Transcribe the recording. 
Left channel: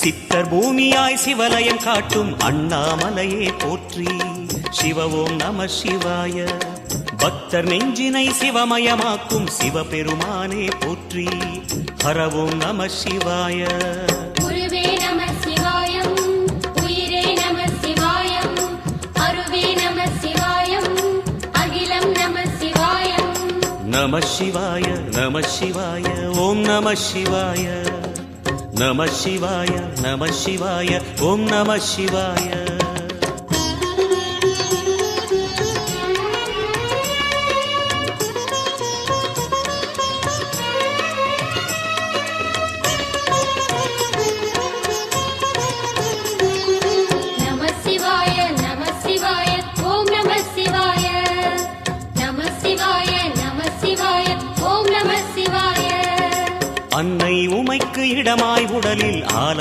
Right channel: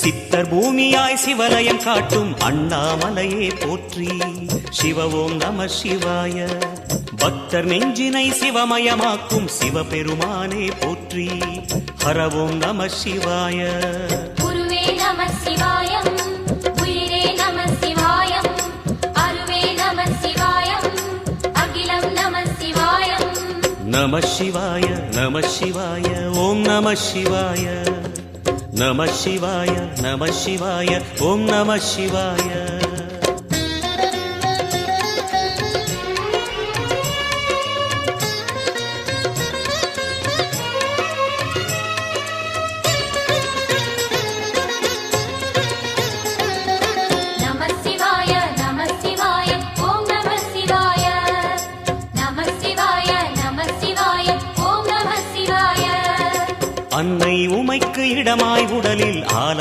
சித்தர் பூமியாய் சிவலயம் காட்டும் அண்ணாமலையே போற்றி. சிவ ஓம் நம சிவாய. பக்தர் நெஞ்சினை சிவமயமாக்கும் சிவபெருமானே போற்றி. ஹர ஓம் நம சிவாய. நம சிவாய நம சிவாய ஓம் நம சிவாய. நம சிவாய நம சிவாய ஓம் நம சிவாய. அன்னை உமைக்கு இடமாய் உடலில் ஆலை